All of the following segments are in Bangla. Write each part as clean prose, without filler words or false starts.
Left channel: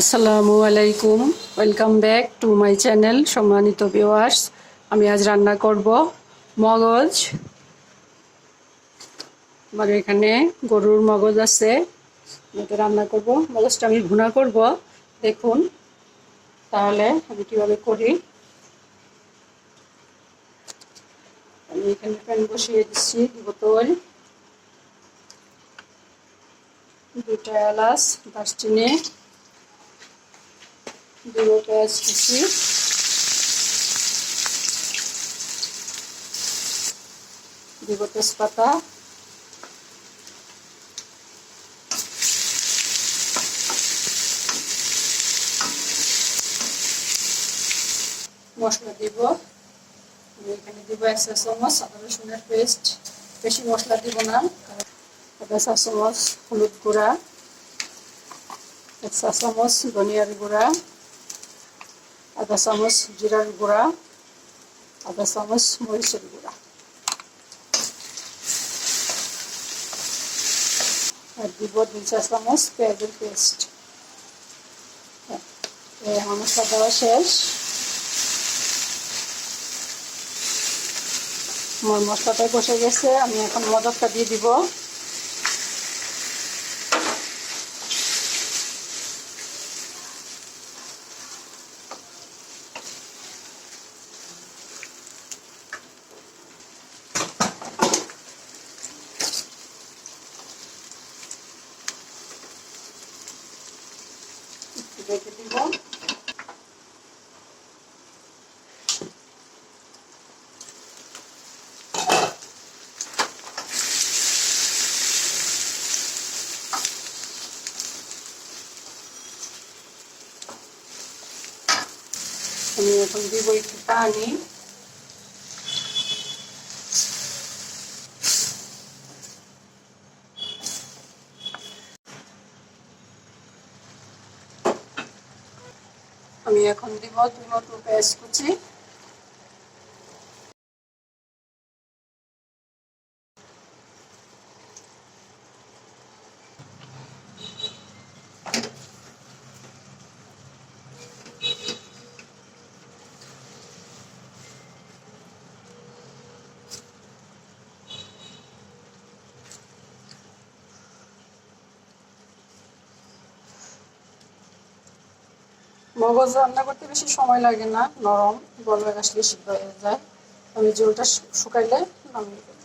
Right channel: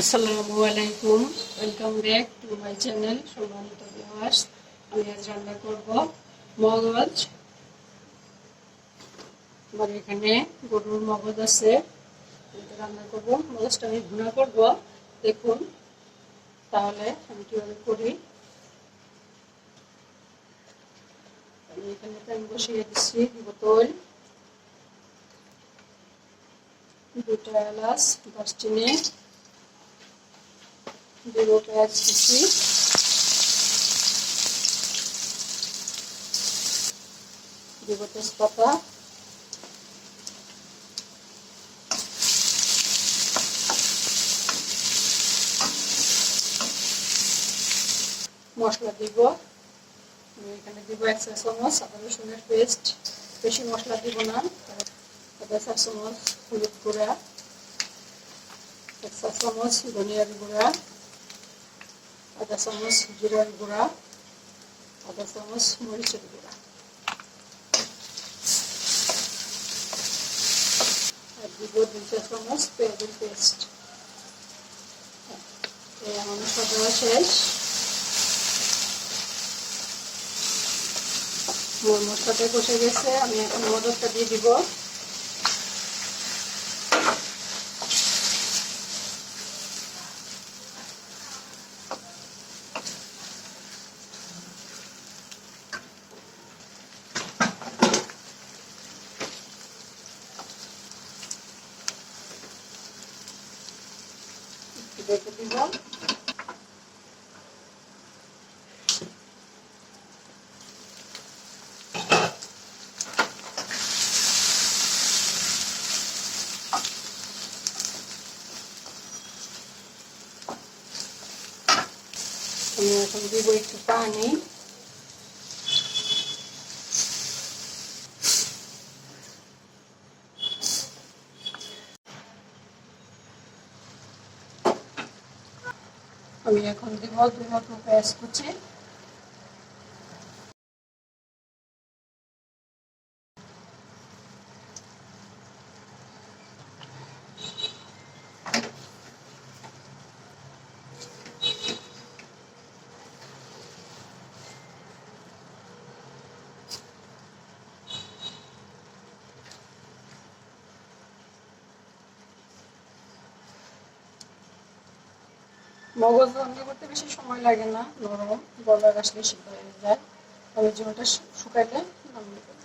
আসসালামু আলাইকুম, welcome back to my channel. সম্মানিত ভিউয়ার্স, আমি আজ রান্না করব মগজ। আমার এখানে গরুর মগজ আছে, এটা রান্না করব। মগজটা আমি ভুনা করব, দেখুন তাহলে আমি কীভাবে করি। আমি এখানে প্যান বসিয়ে দিচ্ছি, বোতল, দুটা এলাচ, দারচিনি, দুটো পেঁয়াজ কুচি, দিব তেজপাতা, মশলা দিব। এখানে দিব 1 চা চামচ আদা রসুনের পেস্ট, বেশি মশলা দিব না। আধা চা চামচ হলুদ গুঁড়া, 1 চা চামচ ধনিয়ার গুঁড়া, আধা চামচ জিরার গুঁড়া, আধা চামচ মরিচের গুঁড়া, আর দিব 2 চা চামচ পেঁয়াজের পেস্ট। আমার মশলা দেওয়া শেষ। আমার মশলাটা বসে গেছে, আমি এখন মগজটা দিয়ে দিব। রেখে দিব। আমি এখন দিব একটু পানি। আমি এখন দিব 2 মতো পেঁয়াজ কুচি, মগজ রান্না করতে বেশি সময় লাগে না, নরম গলার আসলে সিদ্ধ হয়ে যায়। আমি জলটা শুকাইলে নামিয়ে দেব।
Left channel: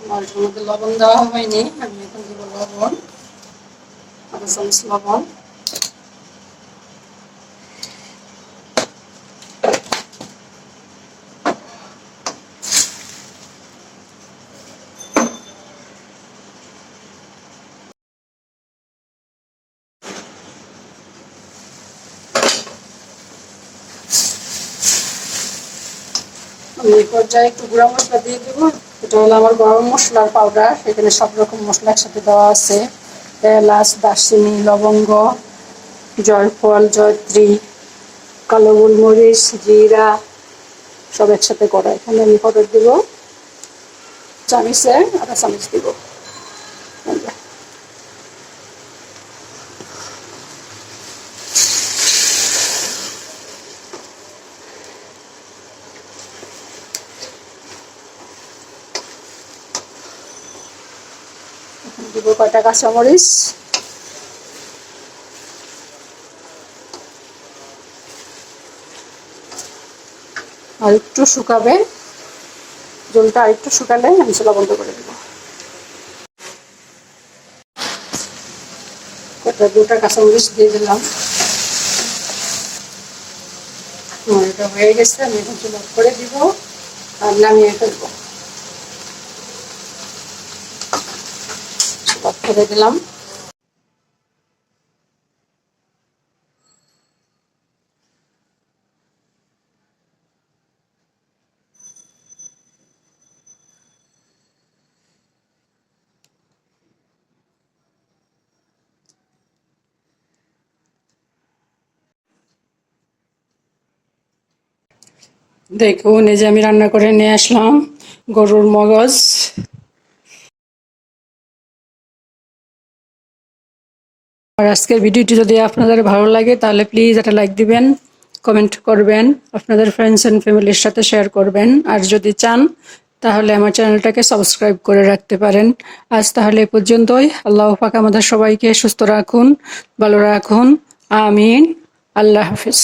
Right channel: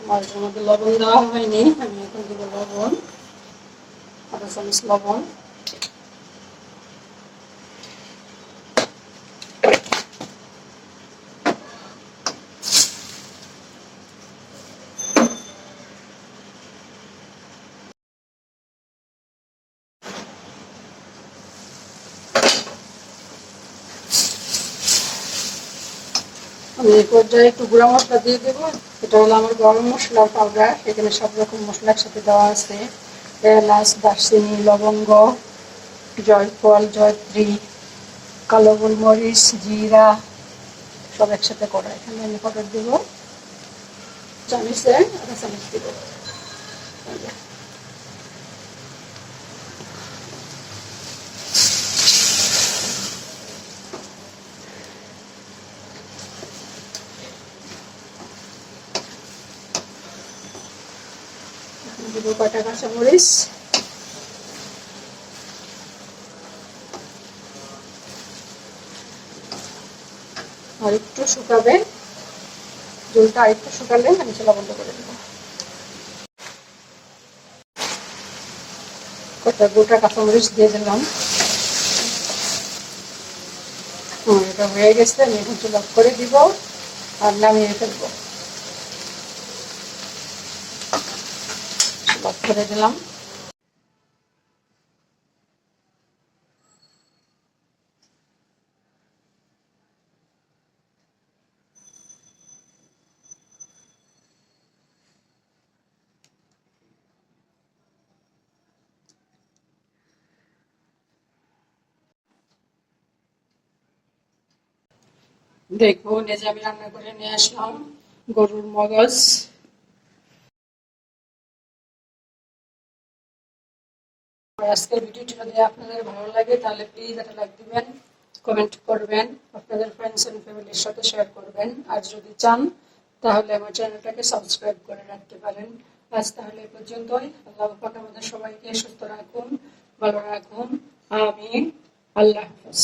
আমার এর মধ্যে লবণ দেওয়া হয়নি, আমি এখন দিব লবণ, আধা চামচ লবণ। আমি এই পর্যায়ে একটু গুঁড়া মশলা দিয়ে দেব। এটা হলো আমার গরম মশলার পাউডার। এখানে সব রকম মশলা একসাথে দেওয়া আছে, এলাচ, দারচিনি, লবঙ্গ, জয়ফল, জয়ত্রী, কালো গোলমরিচ, জিরা, সব একসাথে করা। এখানে আমি পাউডার দিব, চামচে আধা চামচ দিব। দিব কয়টা কাঁচামরিচ, আর একটু শুকাবে, জলটা আর একটু শুকালে আমি চুলা বন্ধ করে দেবো। কয়টা গোটা কাঁচামরিচ দিয়ে দিলাম। এটা হয়ে গেছে, আমি এখন চুলা করে দিব আর নামিয়ে ফেলবো। চুলা করে দিলাম। দেখুন এই যে আমি রান্না করে নিয়ে আসলাম গরুর মগজ। আর আজকের ভিডিওটি যদি আপনাদের ভালো লাগে তাহলে প্লিজ একটা লাইক দিবেন, কমেন্ট করবেন, আপনাদের ফ্রেন্ডস অ্যান্ড ফ্যামিলির সাথে শেয়ার করবেন। আর যদি চান তাহলে আমার চ্যানেলটাকে সাবস্ক্রাইব করে রাখতে পারেন। আজ তাহলে এ পর্যন্তই। আল্লাহ পাক আমাদের সবাইকে সুস্থ রাখুন, ভালো রাখুন। আমিন। আল্লাহ হাফিজ।